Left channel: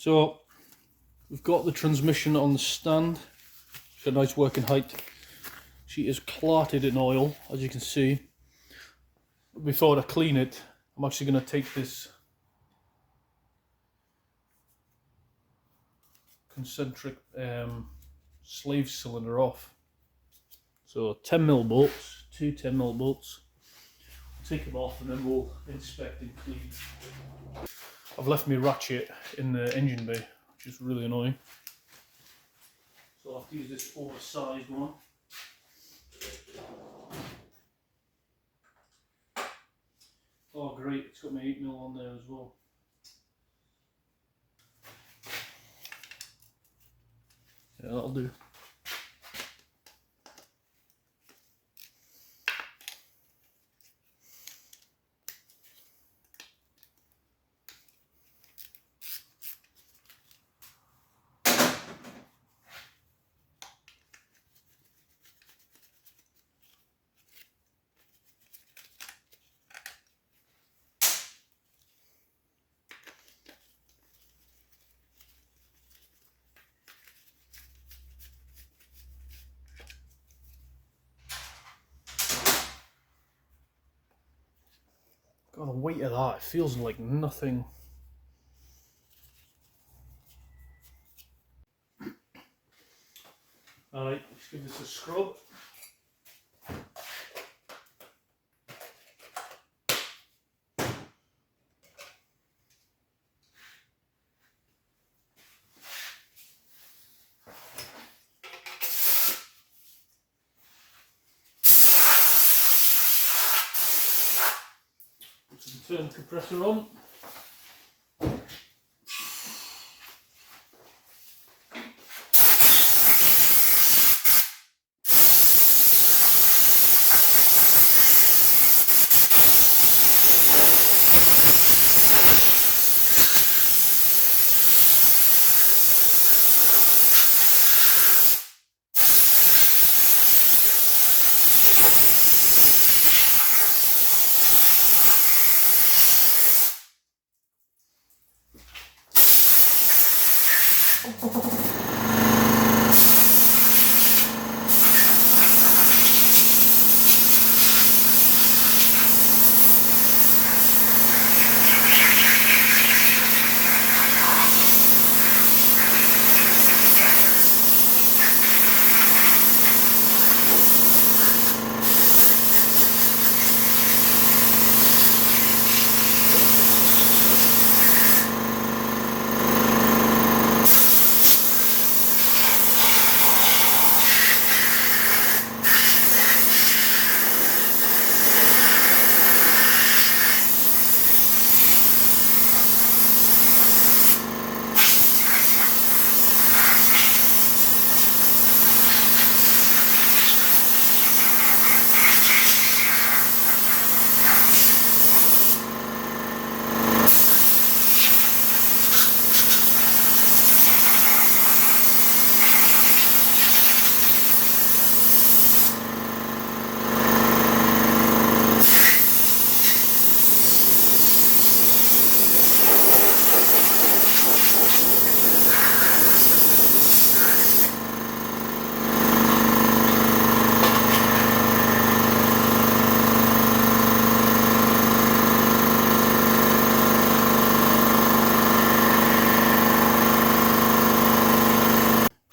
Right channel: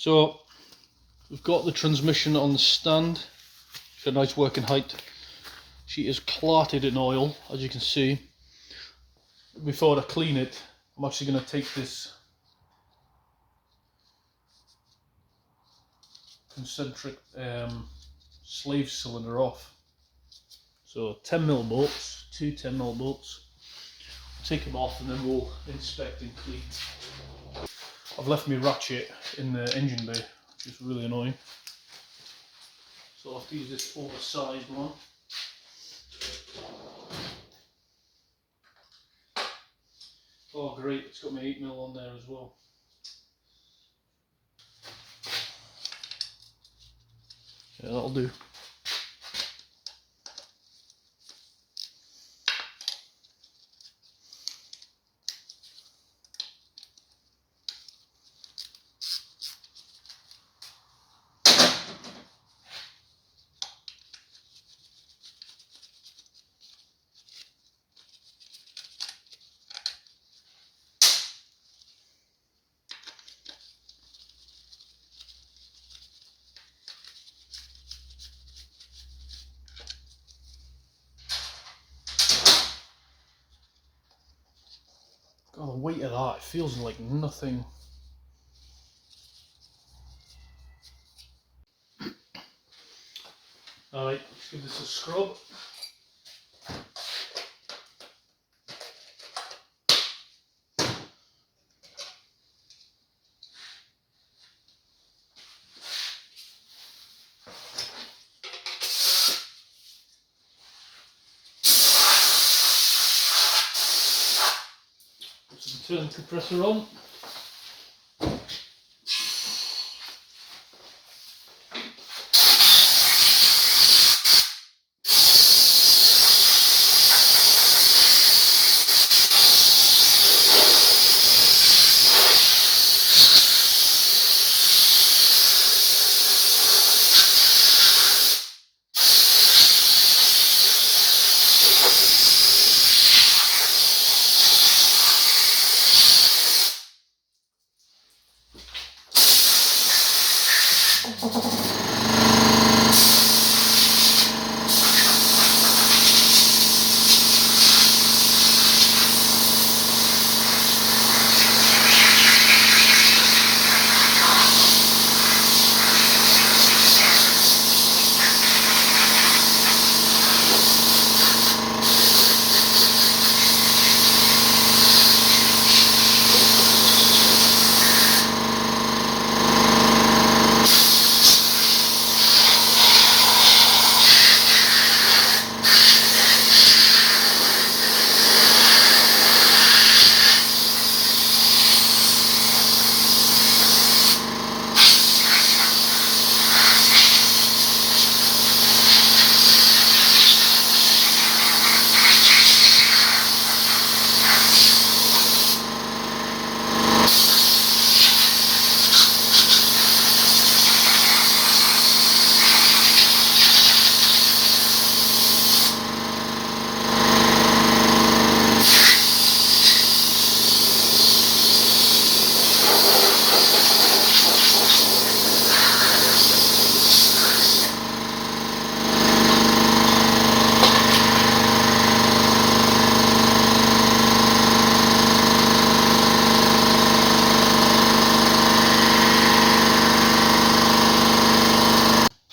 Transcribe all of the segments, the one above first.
So we've got the transmission on the stand. It's a nice working height. She is clotted in oil, as you can see. Before I clean it, I'm actually going to take this concentric slave cylinder off. So 10mm bolts, two 10mm bolts. Take them off and then we'll inspect and clean. I've left my ratchet in the engine bay, which is really annoying. So I'll have to use this oversized one. Oh great, it's got my 8mm on there as well. Yeah, that'll do. God, the weight of that, it feels like nothing. Alright, let's give this a scrub. Put some turn compressor on.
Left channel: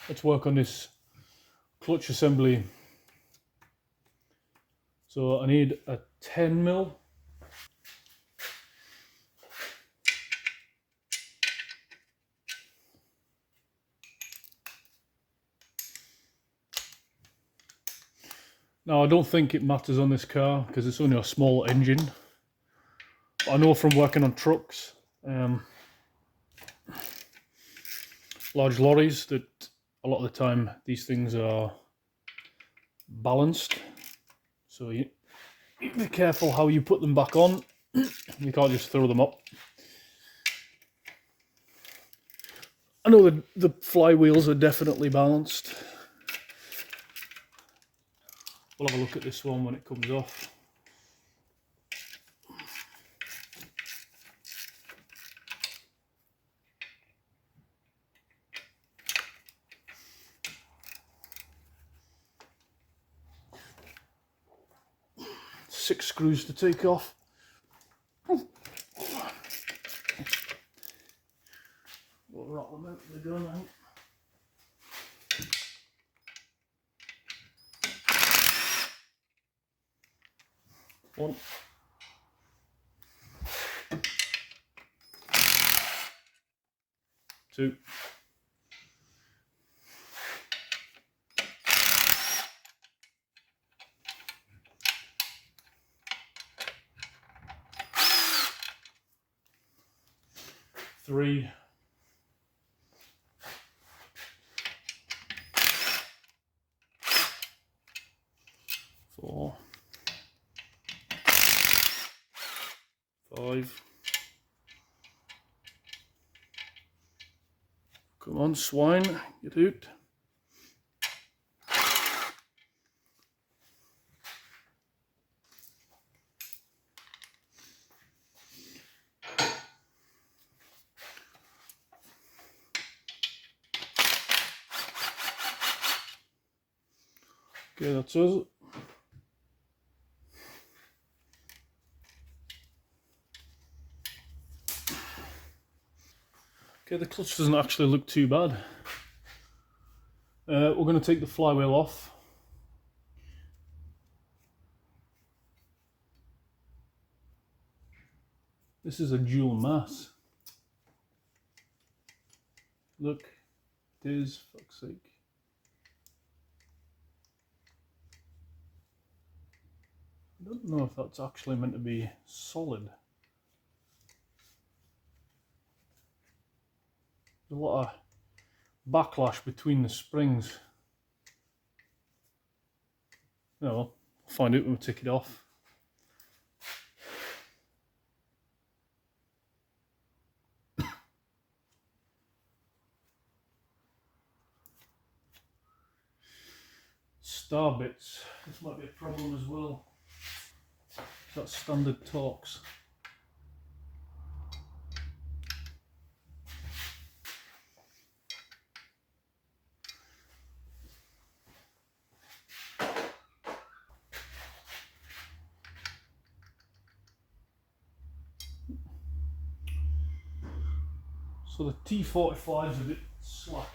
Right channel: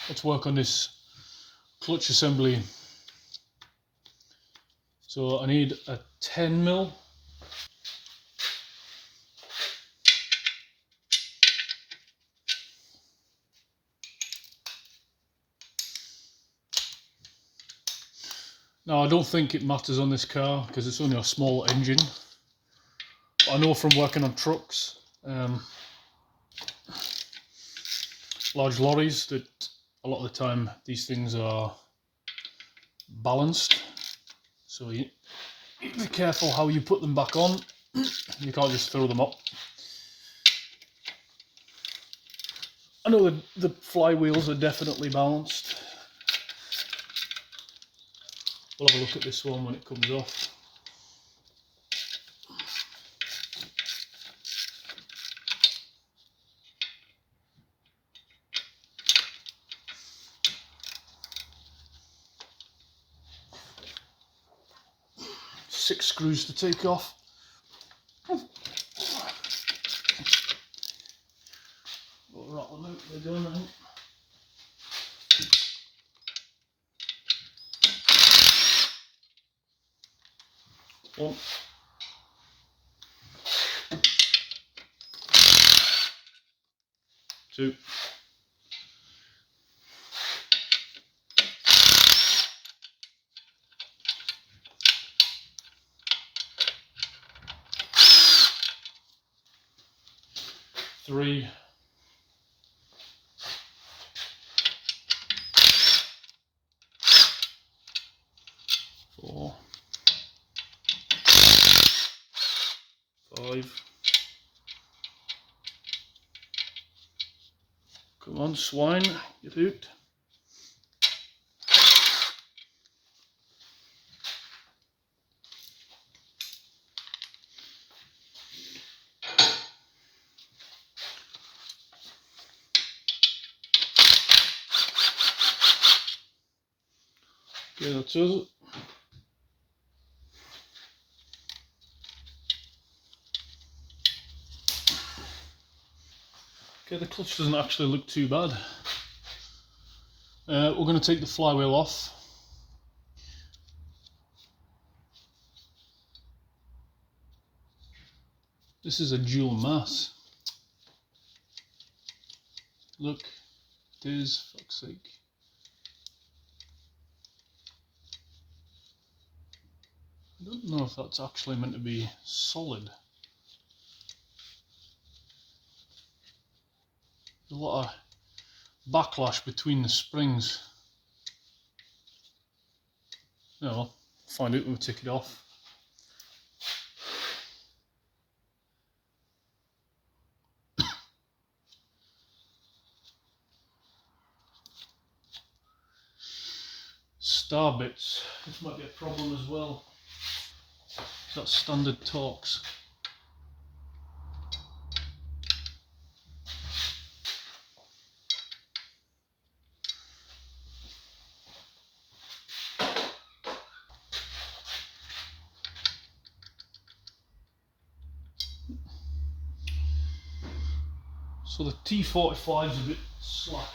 Let's work on this clutch assembly. So I need a 10mm. Now I don't think it matters on this car because it's only a small engine. But I know from working on trucks, large lorries, that a lot of the time these things are balanced, so you be careful how you put them back on. You can't just throw them up. I know the flywheels are definitely balanced. We'll have a look at this one when it comes off. 6 screws to take off. We'll rattle them out, they're going out. One. Two. Three. Four. Five. Come on, swine, get out. Okay, that's us. Okay, the clutch doesn't actually look too bad. We're going to take the flywheel off. This is a dual mass. Look, it is, fuck's sake. I don't know if that's actually meant to be solid. There's a lot of backlash between the springs. Oh well, we'll find out when we take it off. Star bits, this might be a problem as well. That's standard Torx. So the T45 is a bit slack.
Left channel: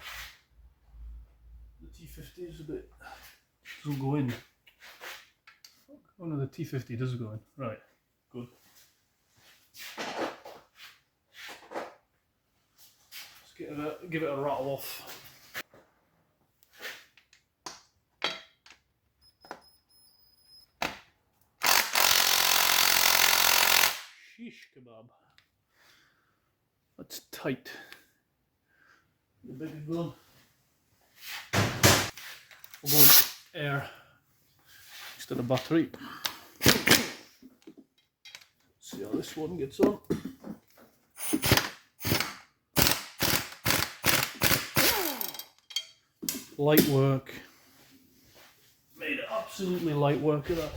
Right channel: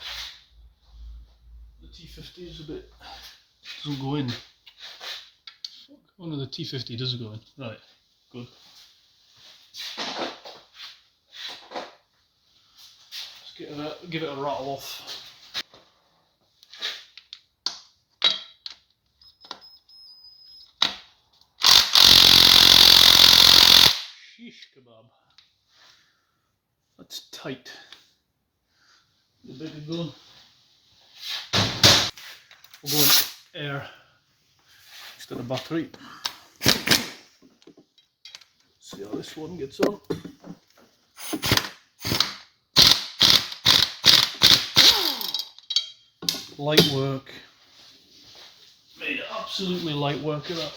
The T50 is a bit, doesn't go in. Oh no, the T50 does go in. Right, good. Let's give it a rattle off. Sheesh kebab. That's tight. The bigger gun. We'll go with air instead of battery. See how this one gets on. Light work. Made absolutely light work of that.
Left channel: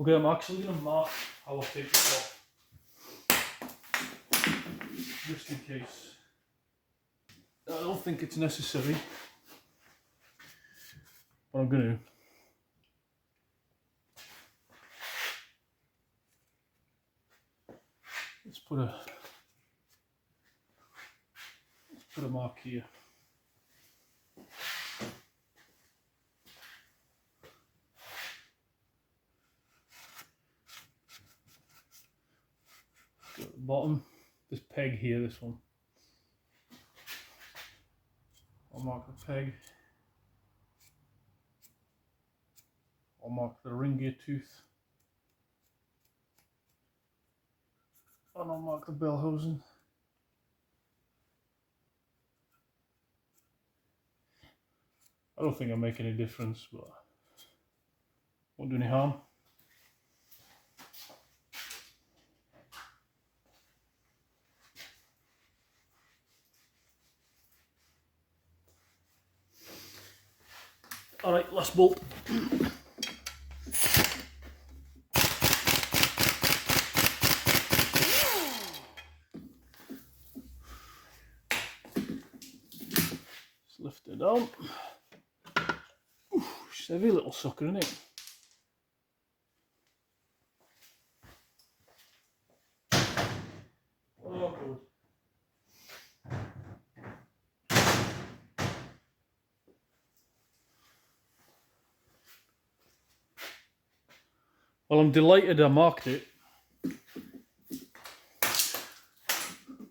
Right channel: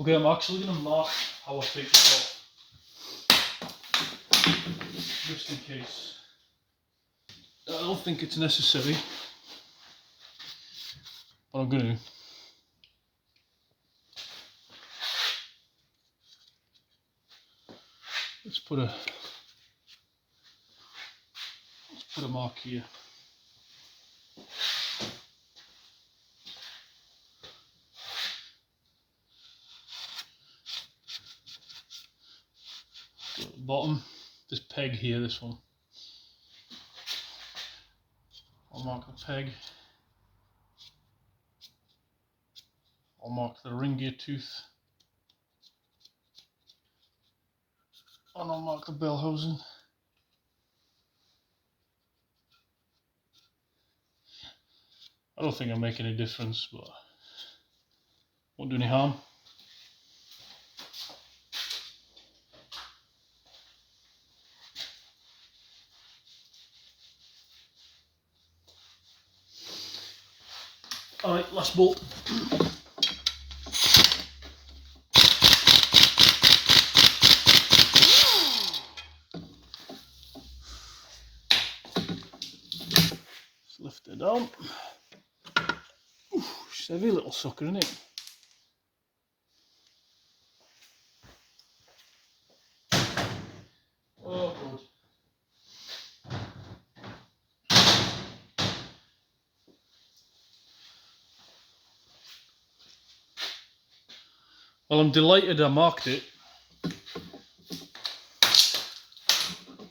Okay, I'm actually going to mark how I take this off, just in case. I don't think it's necessary, but I'm going to. Let's put a mark here. At the bottom, this peg here, this one. I'll mark a peg. I'll mark the ring gear tooth, and I'll mark the bell housing. I don't think I make any difference, but won't do any harm. Alright, last bolt. Let's lift it down. Ooh, it's a heavy little sucker, isn't it? Oh, good. Well, I'm delighted I marked it,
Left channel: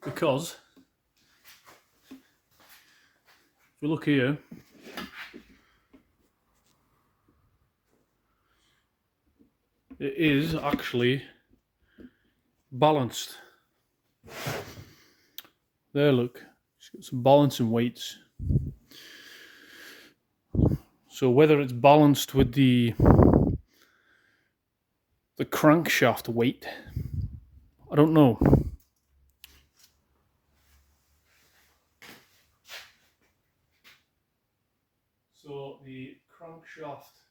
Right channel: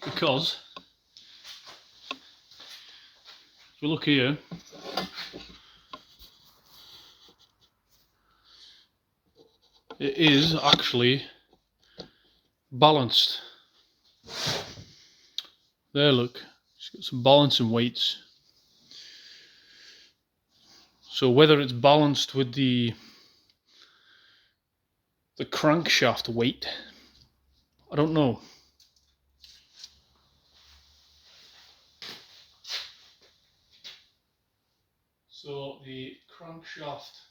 because if you look here, it is actually balanced. There, look, it's got some balancing weights. So whether it's balanced with the crankshaft weight, I don't know. So the crankshaft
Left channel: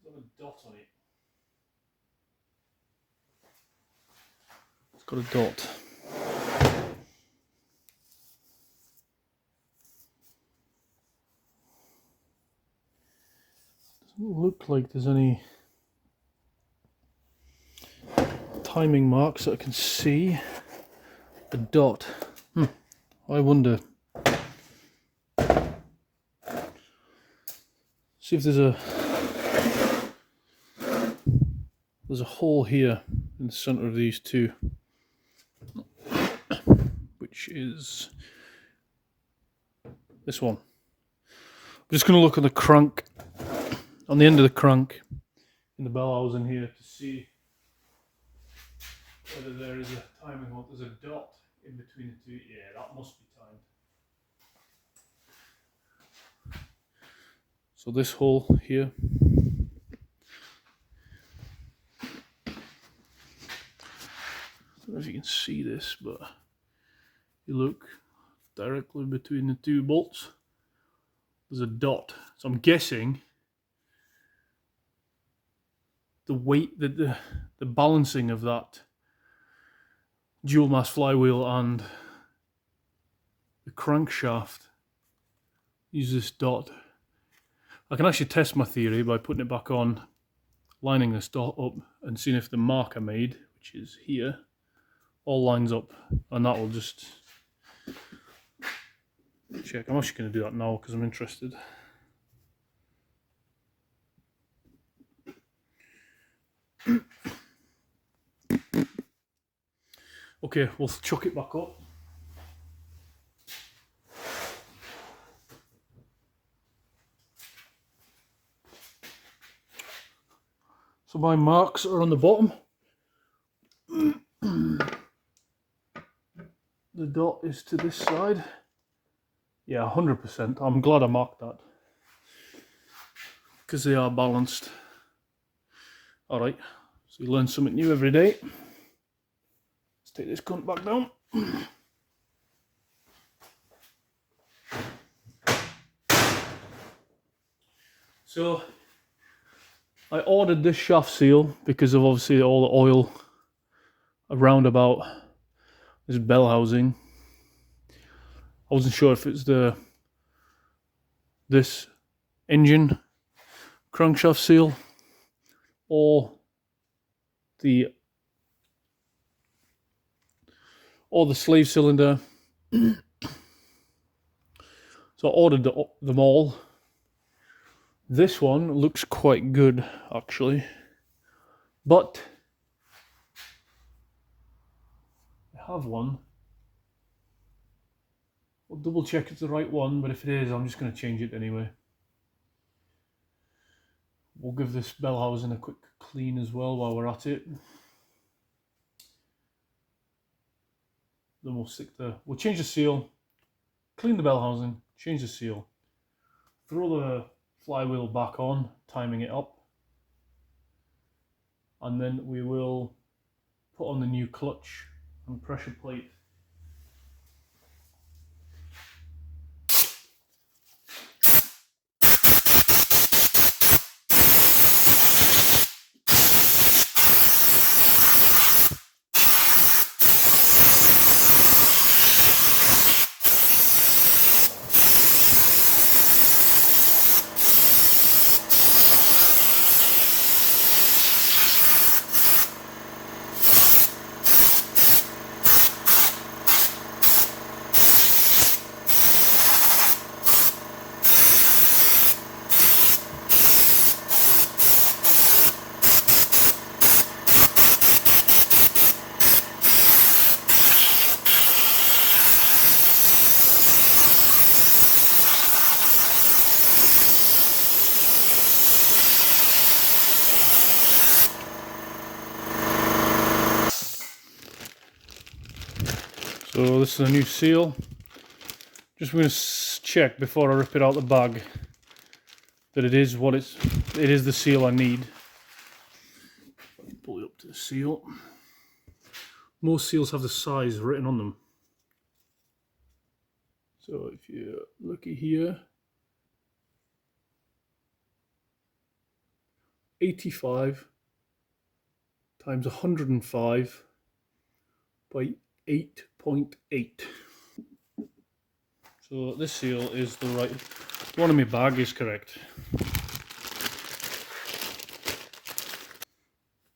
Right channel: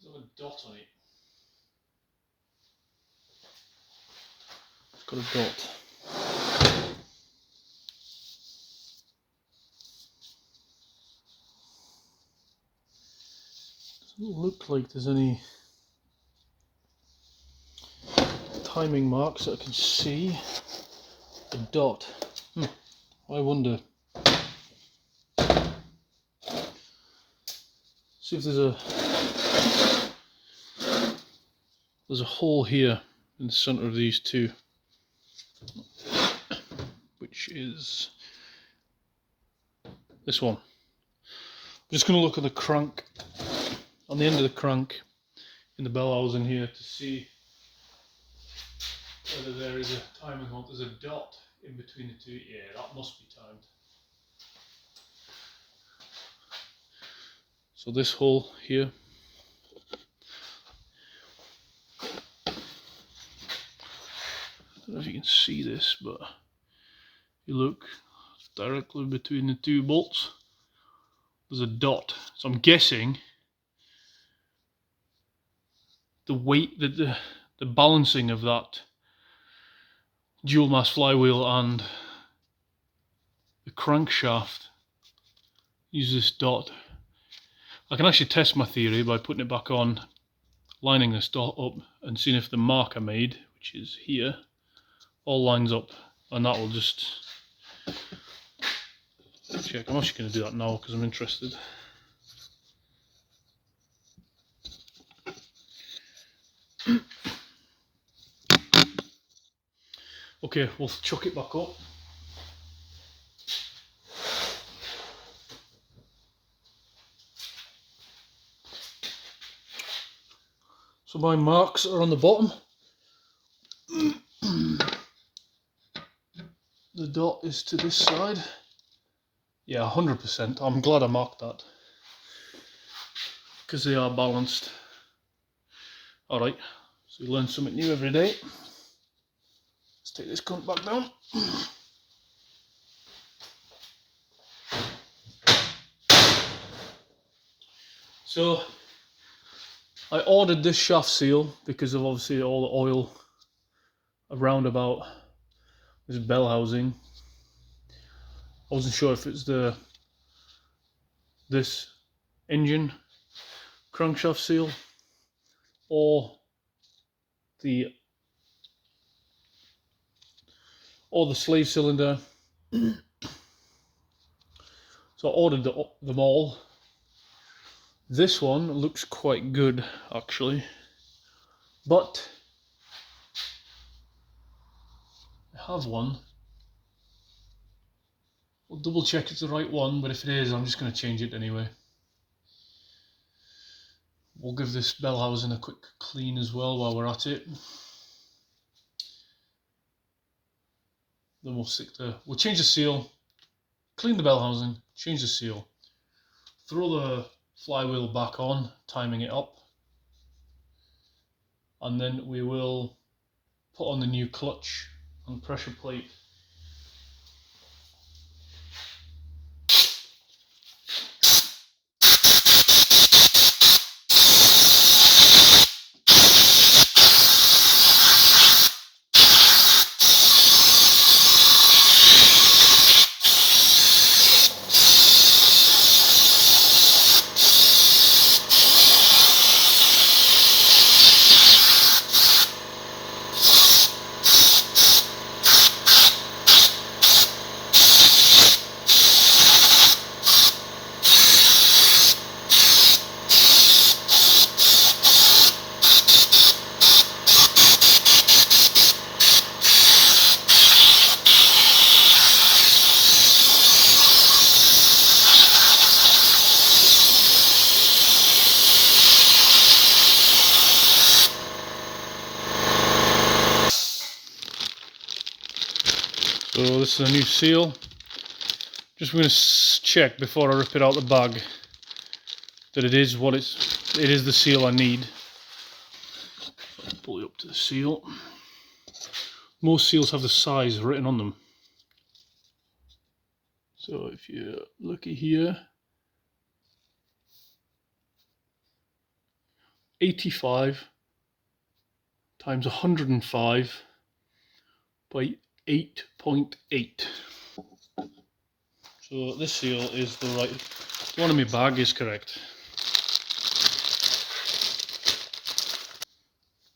does have a dot on it. It's got a dot. Doesn't look like there's any timing marks that I can see. A dot. I wonder. See if there's a hole here in the center of these two, which is this one. I'm just going to look at the crank, on the end of the crank in the bell housing here, to see whether there is a timing hole. There's a dot in between the two. Yeah, that must be timed. So this hole here, I don't know if you can see this, but you look directly between the two bolts, there's a dot. So I'm guessing the weight, that the balancing of that dual mass flywheel and the crankshaft use this dot. I can actually test my theory by putting it back on, lining this dot up and seeing if the mark I made, which is here, all lines up, and that will just check. I'm actually going to do that now because I'm interested. Okay, we'll chuck it back up. So my marks are on the bottom. The dot is to this side. Yeah, 100%. I'm glad I marked that, because they are balanced. Alright, so you learn something new every day. Let's take this cunt back down. So I ordered this shaft seal because of obviously all the oil around about this bell housing. I wasn't sure if it's this engine crankshaft seal or the slave cylinder. So I ordered them all. This one looks quite good actually, but I have one. I'll double check it's the right one, but if it is, I'm just going to change it anyway. We'll give this bell housing a quick clean as well while we're at it. Then we'll change the seal, clean the bell housing, change the seal, throw the flywheel back on, timing it up, and then we will put on the new clutch and pressure plate. So this is a new seal. Just going to check before I rip it out the bag that it is the seal I need. Pull it up to the seal. Most seals have the size written on them. So if you're lucky here, 85 times 105 by 8.8. So this seal is the right, the one in my bag is correct.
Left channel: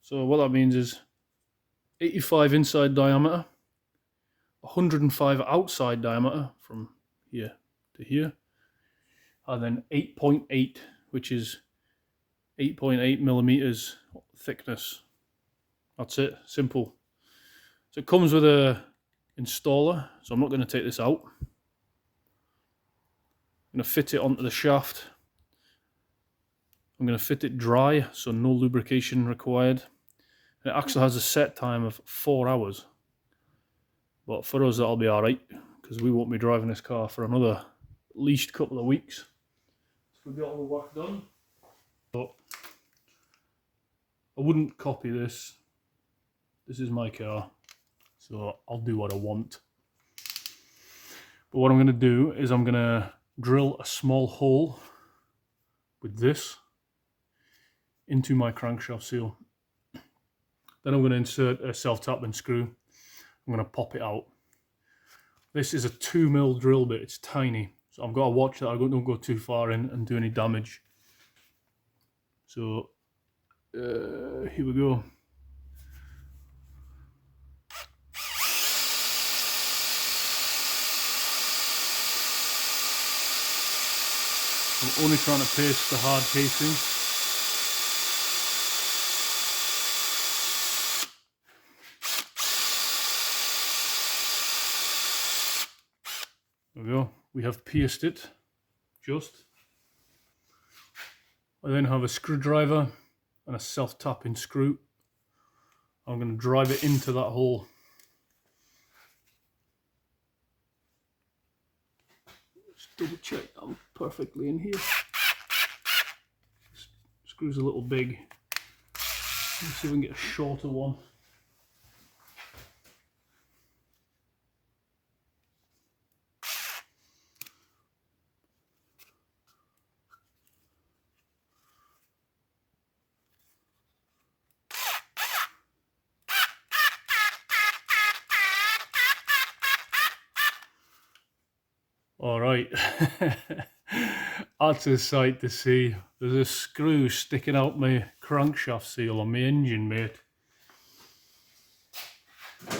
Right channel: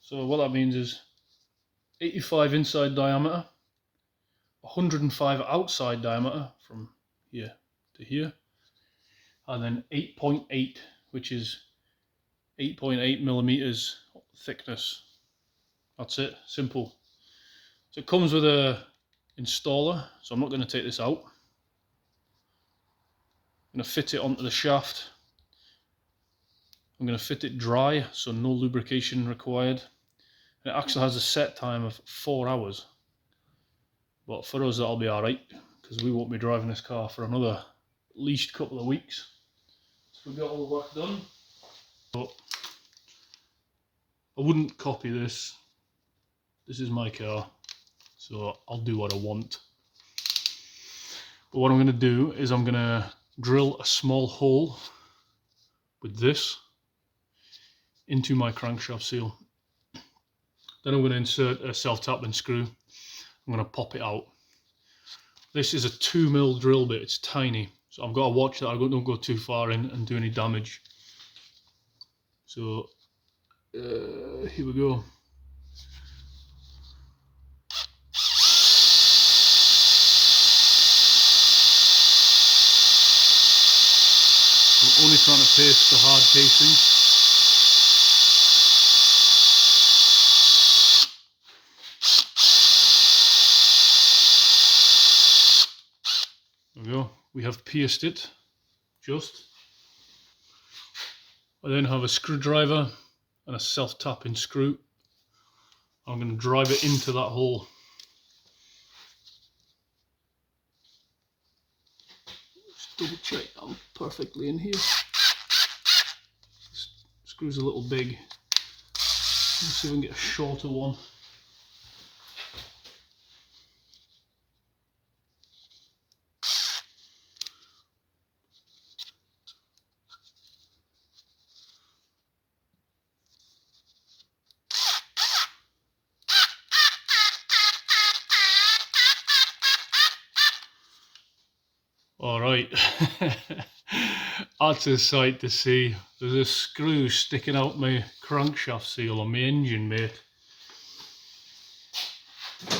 So what that means is 85 inside diameter, 105 outside diameter from here to here, and then 8.8, which is 8.8 millimeters thickness. That's it, simple. So it comes with a installer, so I'm not going to take this out. I'm going to fit it onto the shaft. I'm going to fit it dry, so no lubrication required. And it actually has a set time of 4 hours. But for us that'll be alright, because we won't be driving this car for another at least couple of weeks. So we got all the work done. But I wouldn't copy this. This is my car, so I'll do what I want. But what I'm going to do is I'm going to drill a small hole with this into my crankshaft seal. Then I'm going to insert a self-tapping screw. I'm going to pop it out. This is a 2mm drill bit, it's tiny. So I've got to watch that I don't go too far in and do any damage. So here we go. I'm only trying to paste the hard casing. There we go. We have pierced it, just. I then have a screwdriver and a self-tapping screw. I'm going to drive it into that hole. Just double check I'm perfectly in here. This screw's a little big. Let's see if we can get a shorter one. Alright, that's a sight to see. There's a screw sticking out my crankshaft seal on my engine, mate.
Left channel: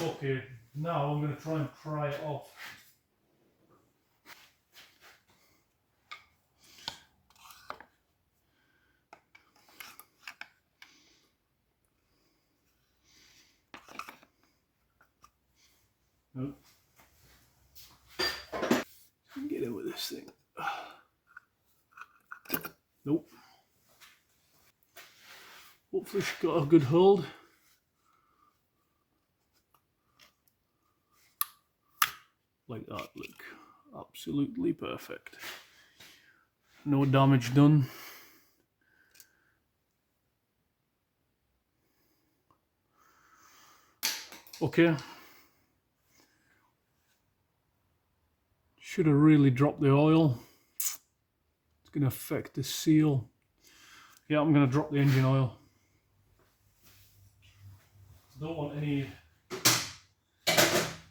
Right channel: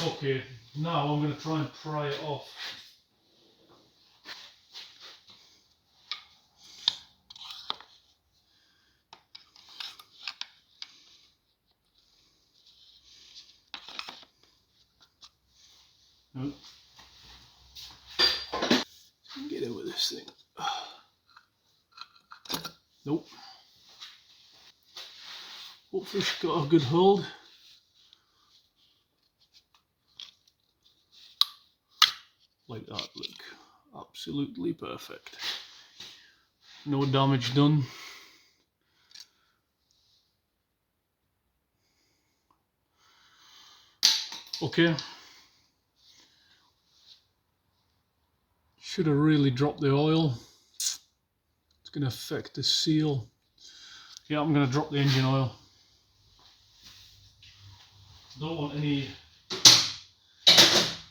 Okay, now I'm going to try and pry it off. Nope. Get in with this thing. Nope. Hopefully she's got a good hold. Like that, look, absolutely perfect. No damage done. Okay. Should have really dropped the oil. It's going to affect the seal. Yeah, I'm going to drop the engine oil. Don't want any...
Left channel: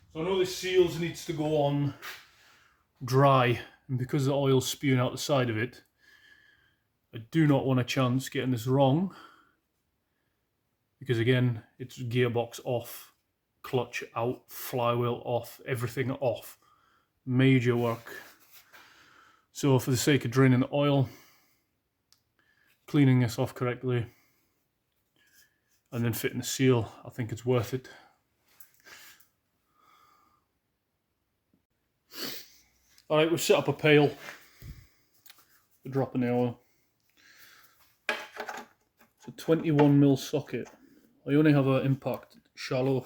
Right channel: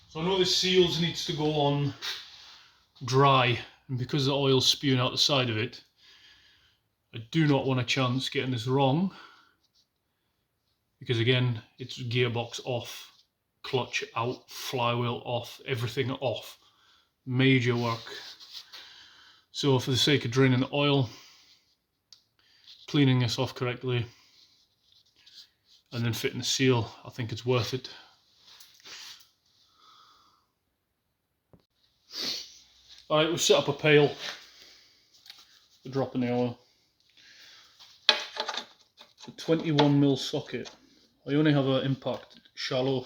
So I know the seals needs to go on dry, and because the oil's spewing out the side of it, I do not want a chance getting this wrong, because again, it's gearbox off, clutch out, flywheel off, everything off. Major work. So for the sake of draining the oil, cleaning this off correctly, and then fitting the seal, I think it's worth it. Alright, we've set up a pail for dropping the oil. It's a 21mm socket. I only have an impact shallow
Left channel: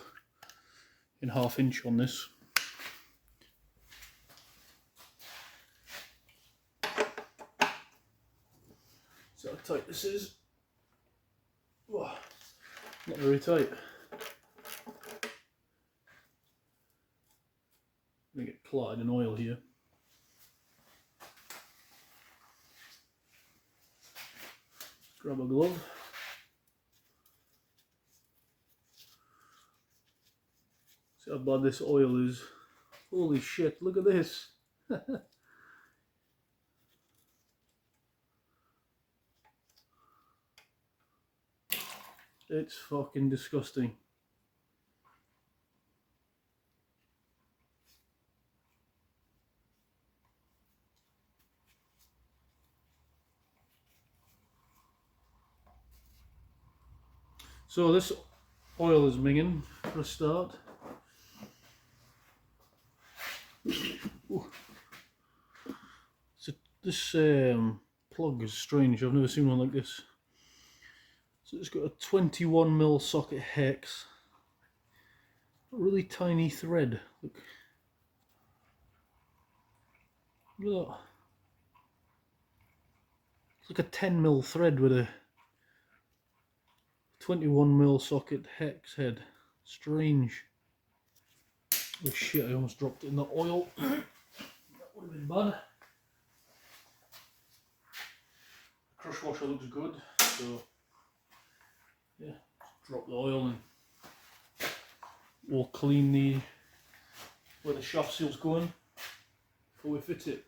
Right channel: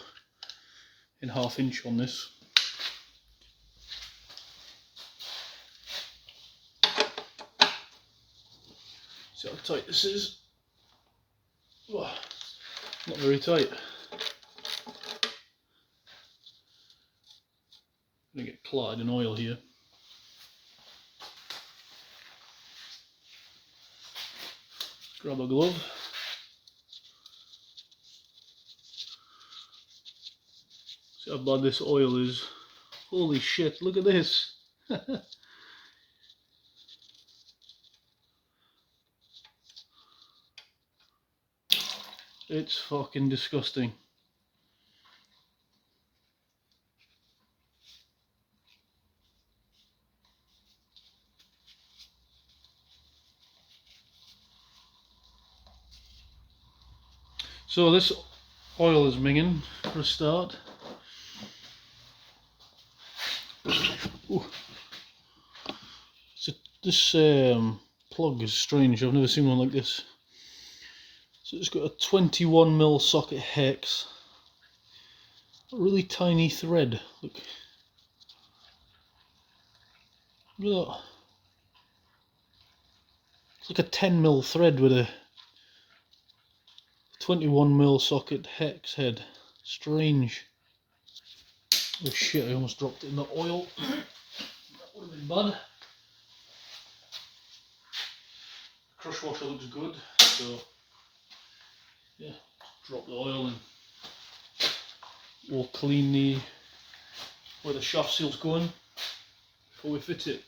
in 1/2 inch on this. See how tight this is? Whoa, not very tight. I'm going to get clotted in oil here. Grab a glove. See how bad this oil is. Holy shit, look at this. It's fucking disgusting. So this oil is minging for a start. Ooh. So this plug is strange, I've never seen one like this. So it's got a 21mm socket hex, a really tiny thread, look at that. It's like a 10mm thread with a 21mm socket hex head. Strange. Oh shit, I almost dropped it in the oil. That would have been bad. Crush washer looks good, so yeah, drop the oil and we'll clean where the shaft seal's going before we fit it.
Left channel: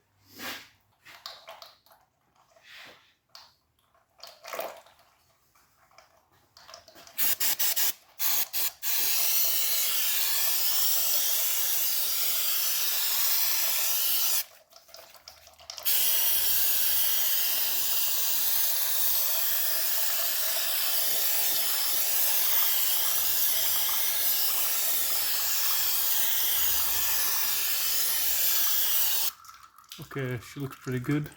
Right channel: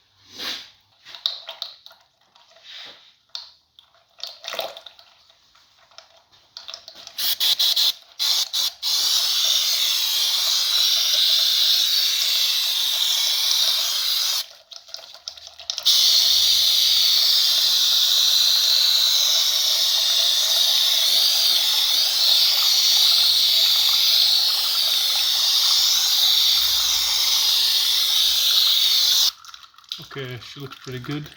Okay, she looks pretty good.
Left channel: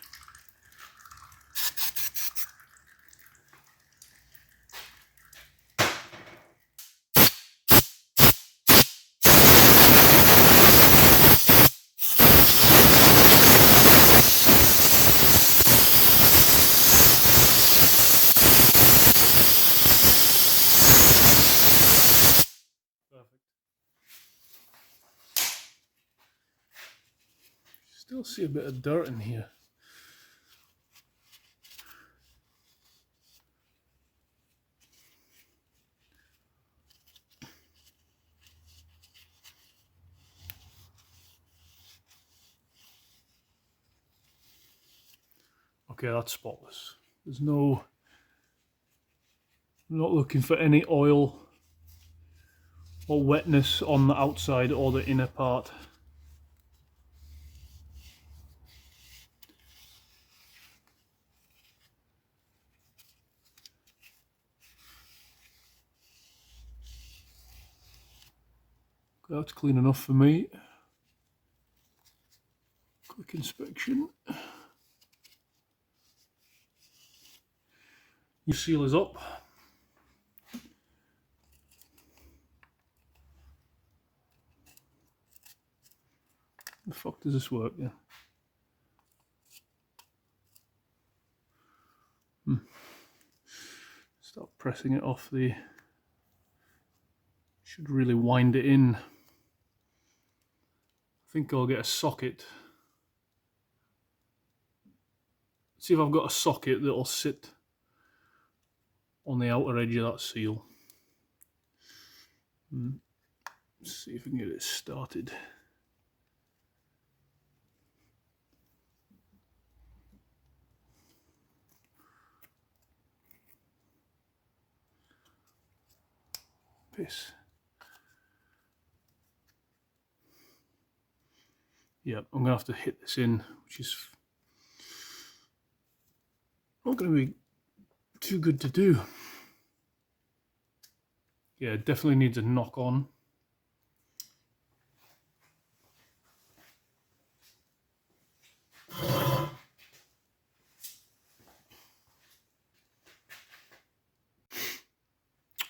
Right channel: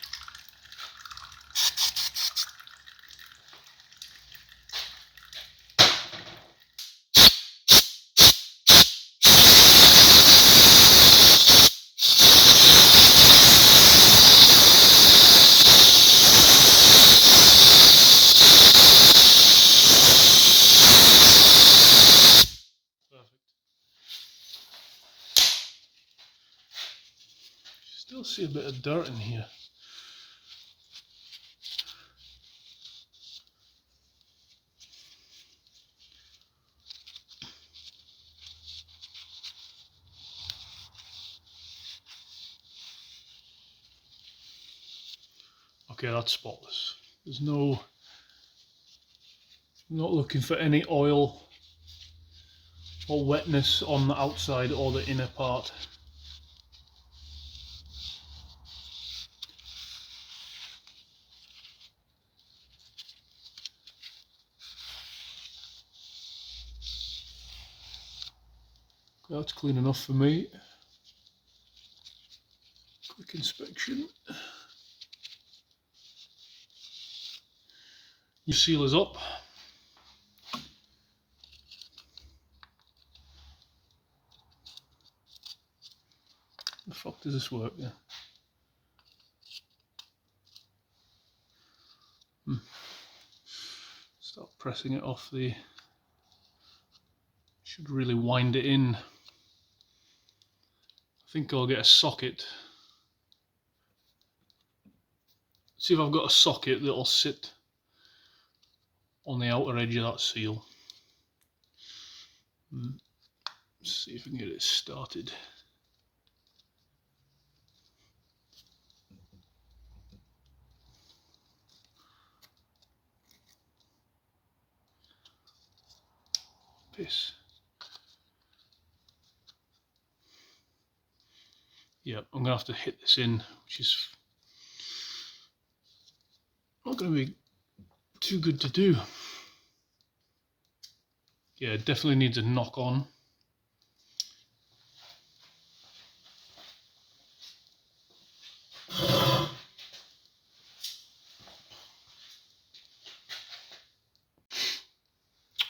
Still see a bit of dirt in here. Okay, that's spotless. There's no, I'm not looking for any oil or wetness on the outside or the inner part. That's clean enough for me. Quick inspection. Your seal is up. The fuck does this work? Yeah. Start pressing it off the. Should really wind it in. I think I'll get a socket. See if I've got a socket that'll sit on the outer edge of that seal. See if we can get it started. Piss. Yeah, I'm gonna have to hit this in, which is not gonna be too good to do. Yeah, it definitely needs a knock on.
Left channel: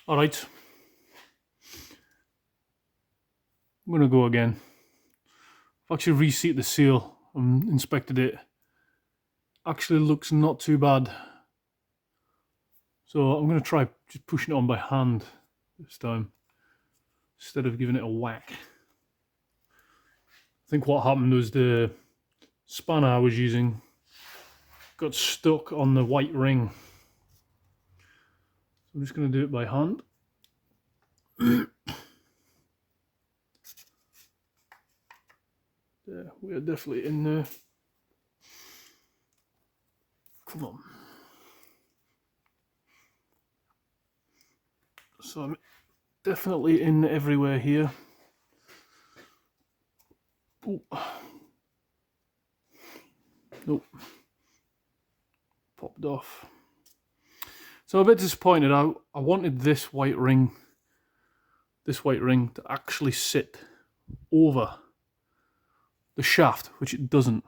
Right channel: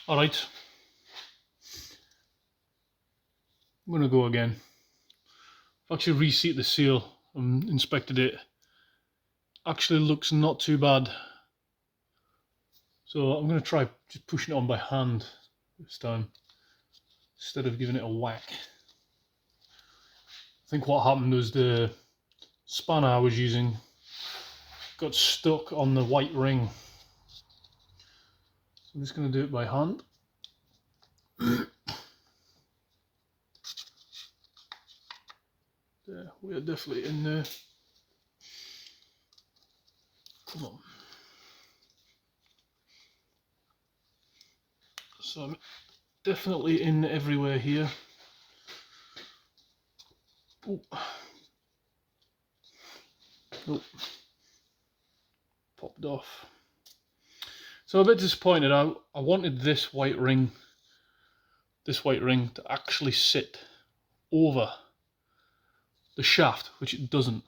All right, I'm gonna go again. I've actually reseat the seal and inspected it. Actually looks not too bad. So I'm gonna try just pushing it on by hand this time, instead of giving it a whack. I think what happened was the spanner I was using got stuck on the white ring. So I'm just gonna do it by hand. Yeah, we're definitely in there. Come on. So I'm definitely in everywhere here. Ooh. Nope. Popped off. So I'm a bit disappointed. I wanted this white ring to actually sit over the shaft, which it doesn't.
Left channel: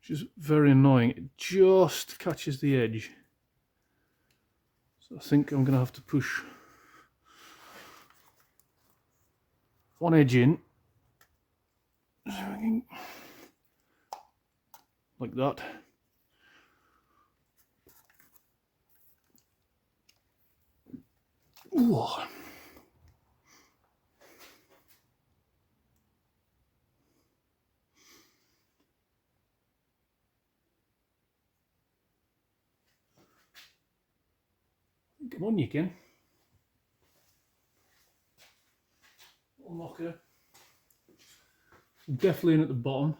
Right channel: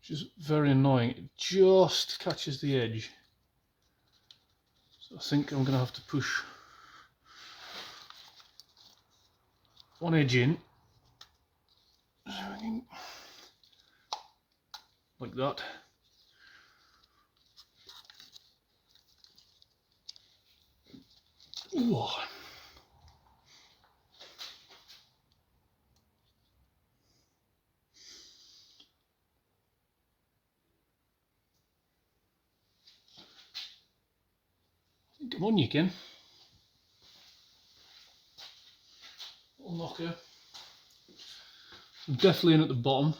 Which is very annoying. It just catches the edge. So I think I'm gonna have to push one edge in. Like that. Ooh. Come on, you can. Little knocker. I'm definitely in at the bottom.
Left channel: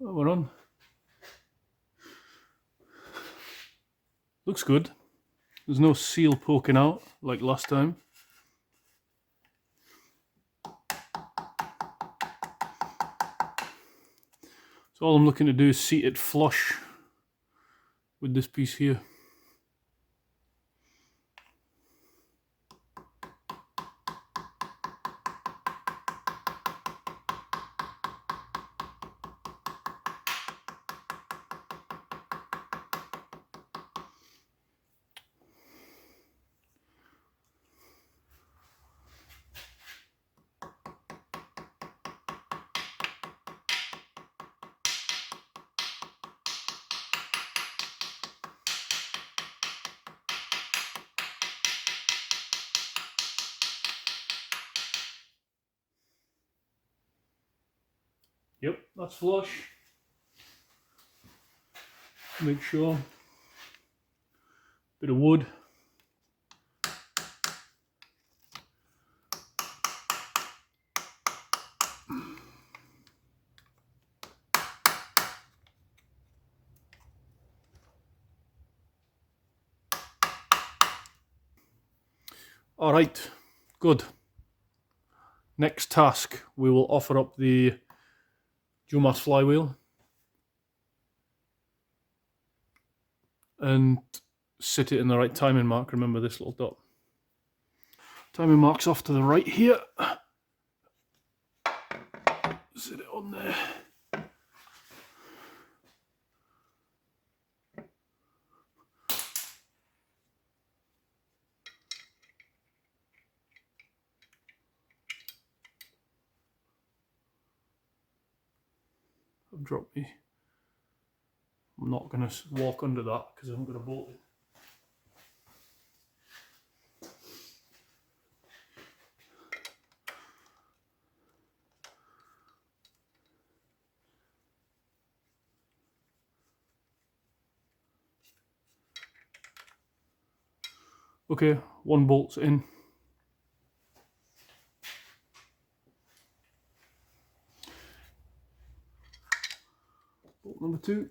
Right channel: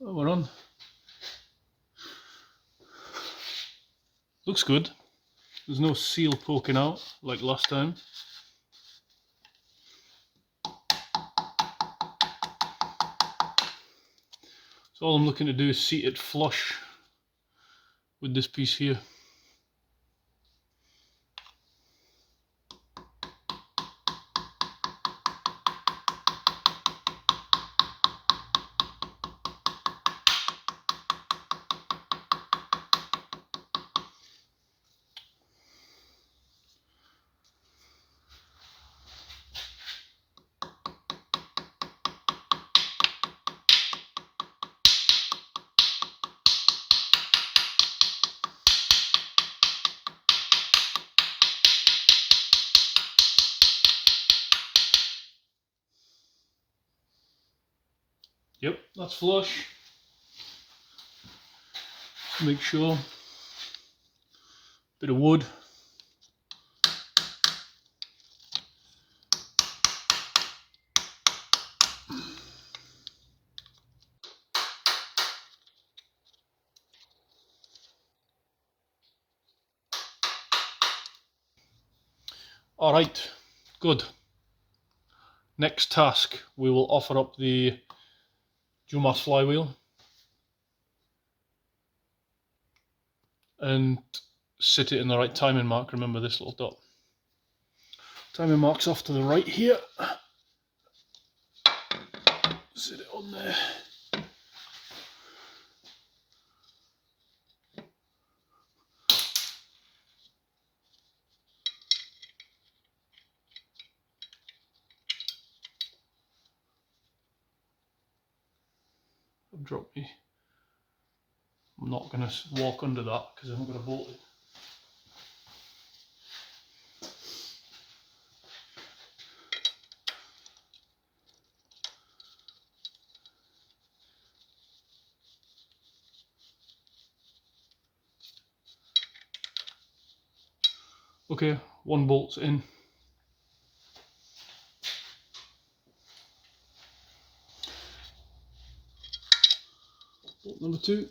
Oh, we're on. Looks good. There's no seal poking out like last time. So all I'm looking to do is seat it flush with this piece here. Yep, that's flush. Make sure. Bit of wood. All right, good. Next task, we will offer up the Dumas flywheel and sit it in the right timing mark. Remember this little dot. Timing mark's off to the right here. Sit it on there. I've dropped me. I'm not going to walk under that because I haven't got a bolt in. Okay, one bolt's in. Bolt number 2.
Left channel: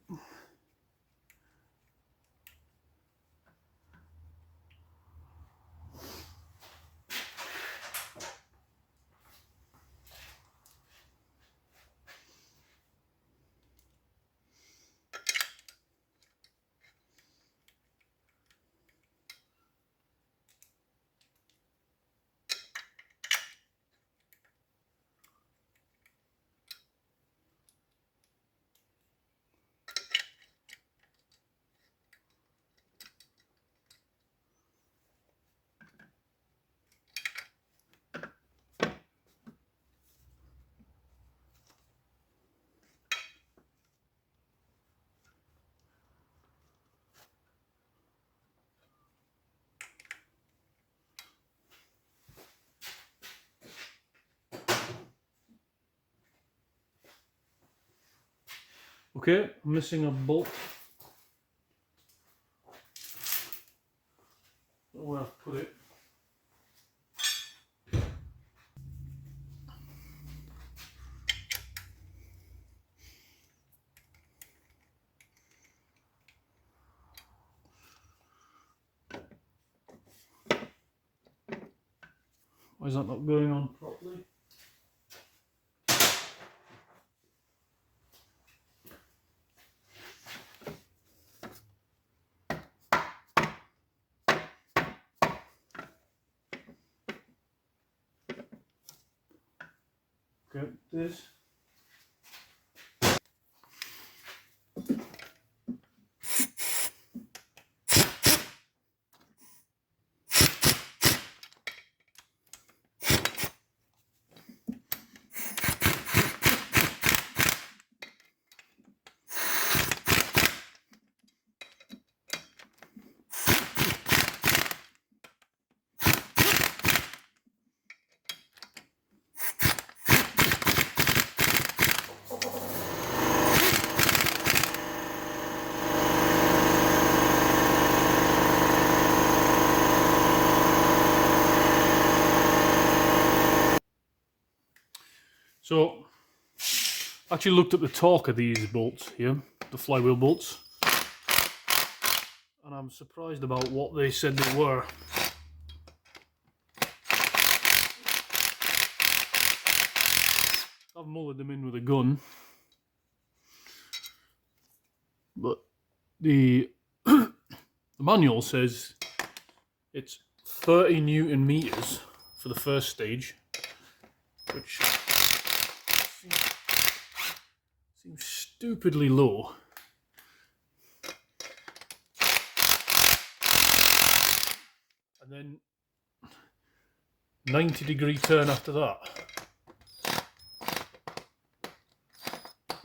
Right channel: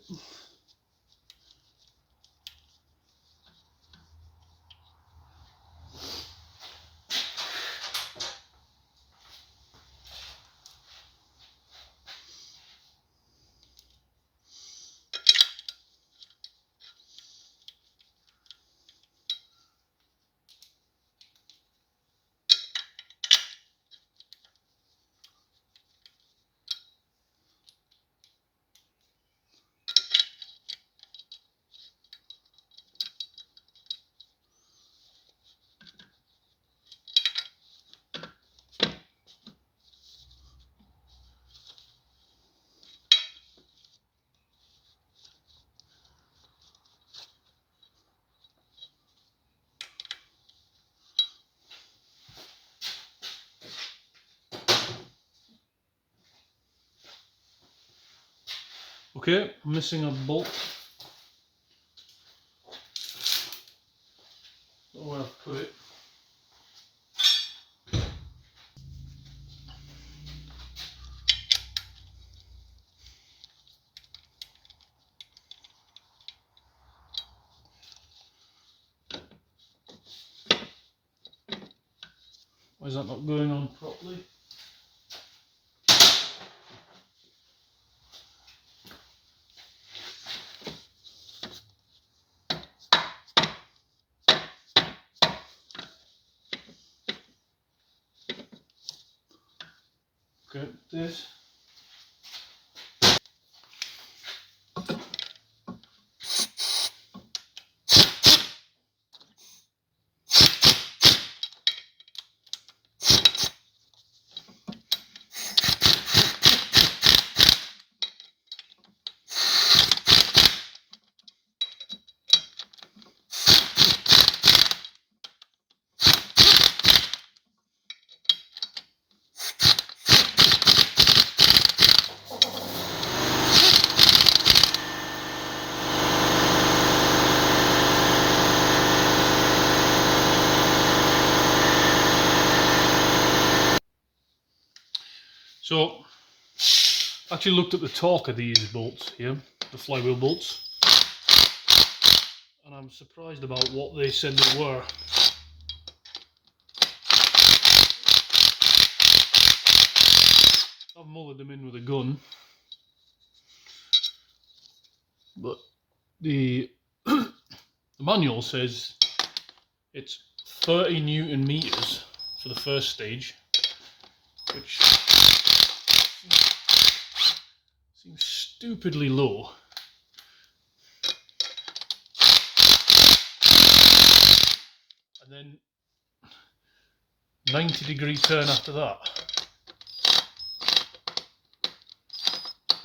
Okay, I'm missing a bolt. Don't know where I've put it. Why is that not going on properly? Okay, this. So, I actually looked at the torque of these bolts here, the flywheel bolts, and I'm surprised about what they said they were. I've mullered them in with a gun, but the manual says it's 30 Newton meters for the first stage, which seems stupidly low. And then 90-degree turn after that.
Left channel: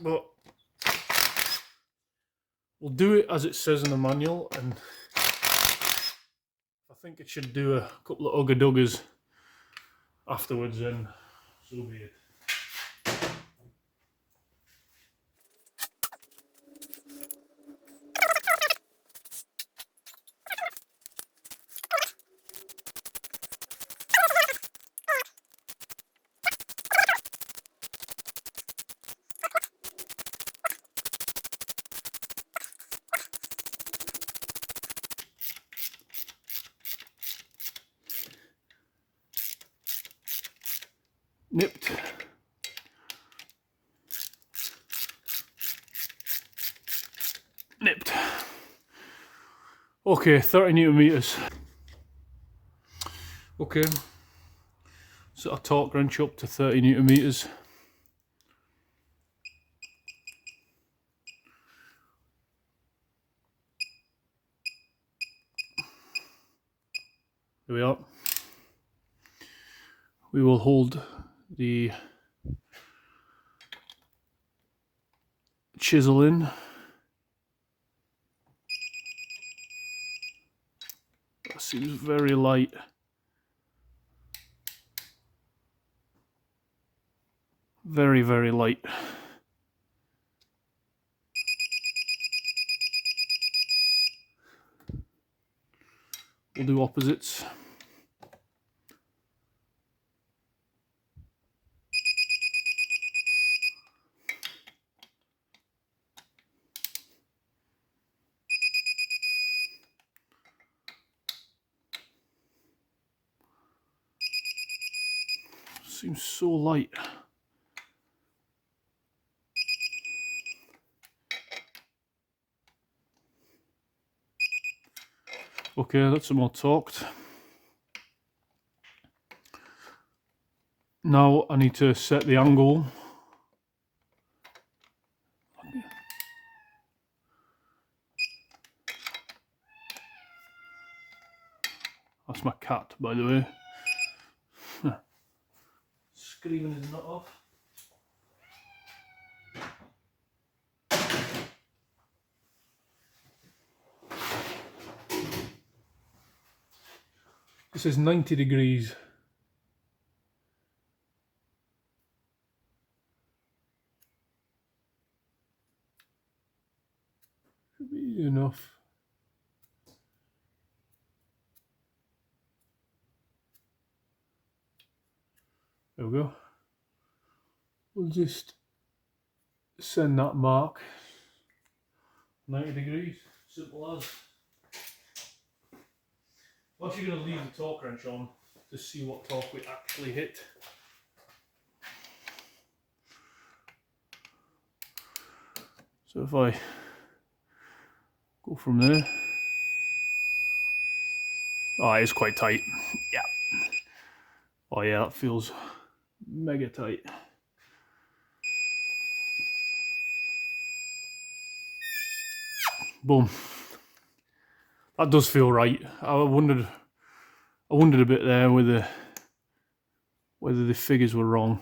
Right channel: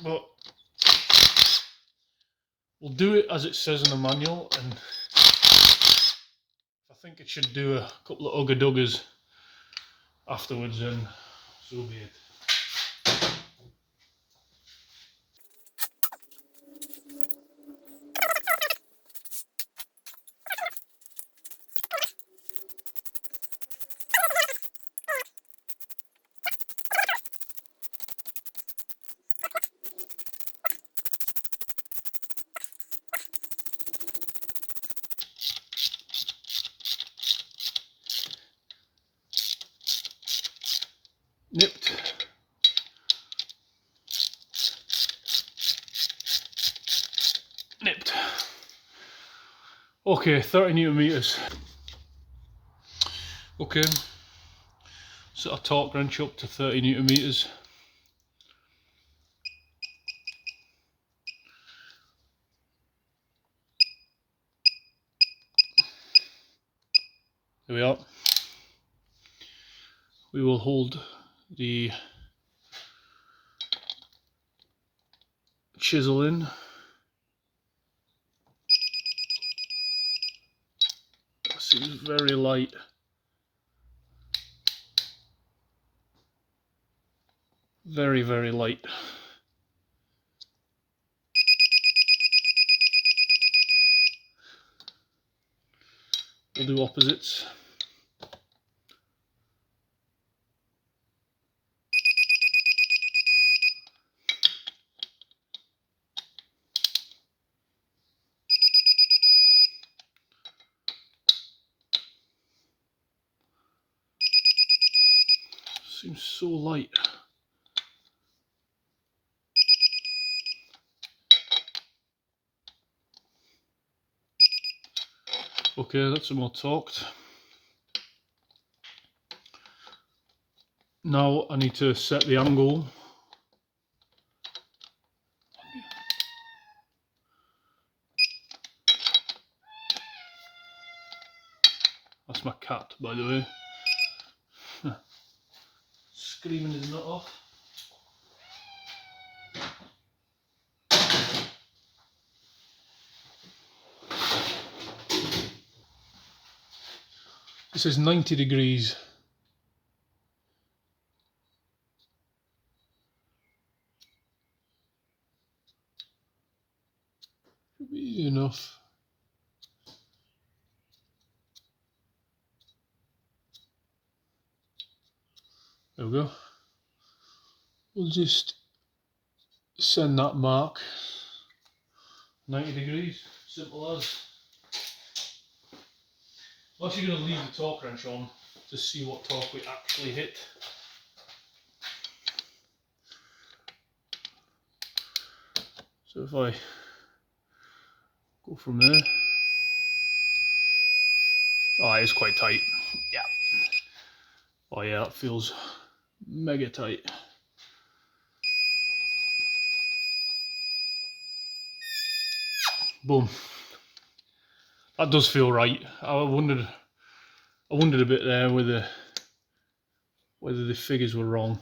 But we'll do it as it says in the manual, and I think it should do a couple of ugga-duggas afterwards, and so be it. Nipped. Nipped. Okay, 30 Newton meters. Okay, set a torque wrench up to 30 Newton meters. There we are. We will hold the chisel in. That seems very light. Very, very light. We'll do opposites. Seems so light. Okay, that's some more torqued. Now I need to set the angle. That's my cat, by the way. Screaming his nut off. This is 90 degrees. Should be easy enough. There we go. We'll just send that mark 90 degrees, simple as. I'm actually going to leave the torque wrench on to see what torque we actually hit. So if I go from there, oh, it's quite tight. Yeah. Oh yeah, that feels mega tight. Boom. That does feel right. I wondered a bit there whether the figures were wrong.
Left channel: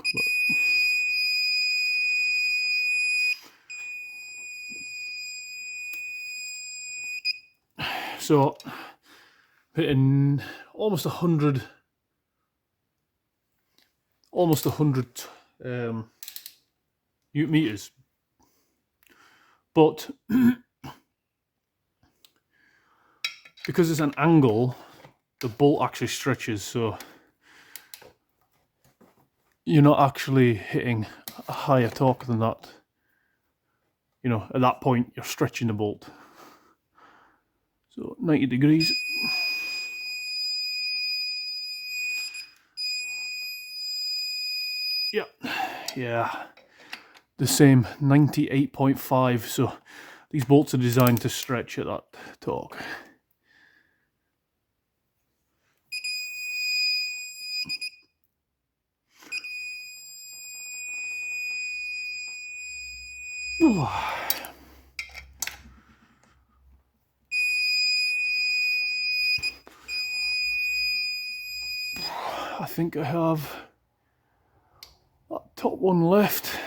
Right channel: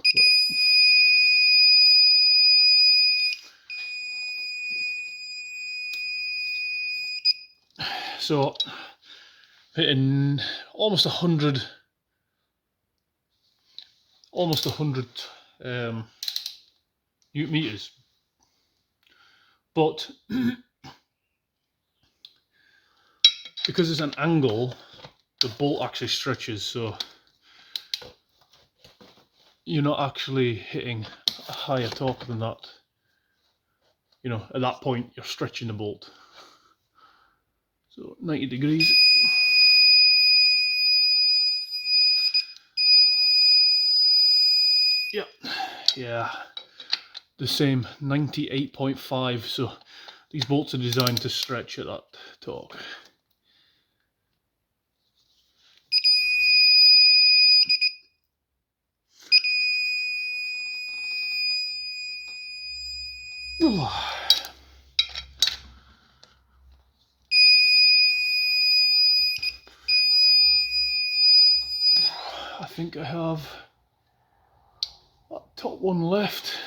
But so hitting almost 100 Newton meters, but because it's an angle, the bolt actually stretches, so you're not actually hitting a higher torque than that. You know, at that point you're stretching the bolt. So 90 degrees. Yep, yeah, the same 98.5. So these bolts are designed to stretch at that torque. I think I have that top one left.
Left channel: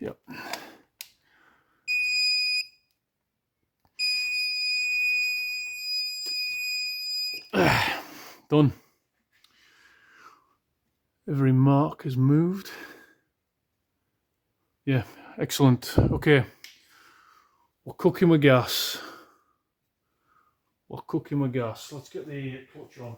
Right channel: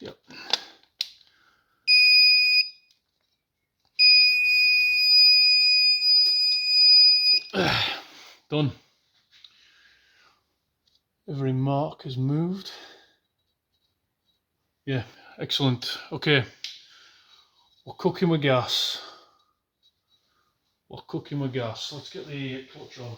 Yep. Done. Every mark is moved. Yeah, excellent. Okay, we're cooking with gas. Let's get the clutch on.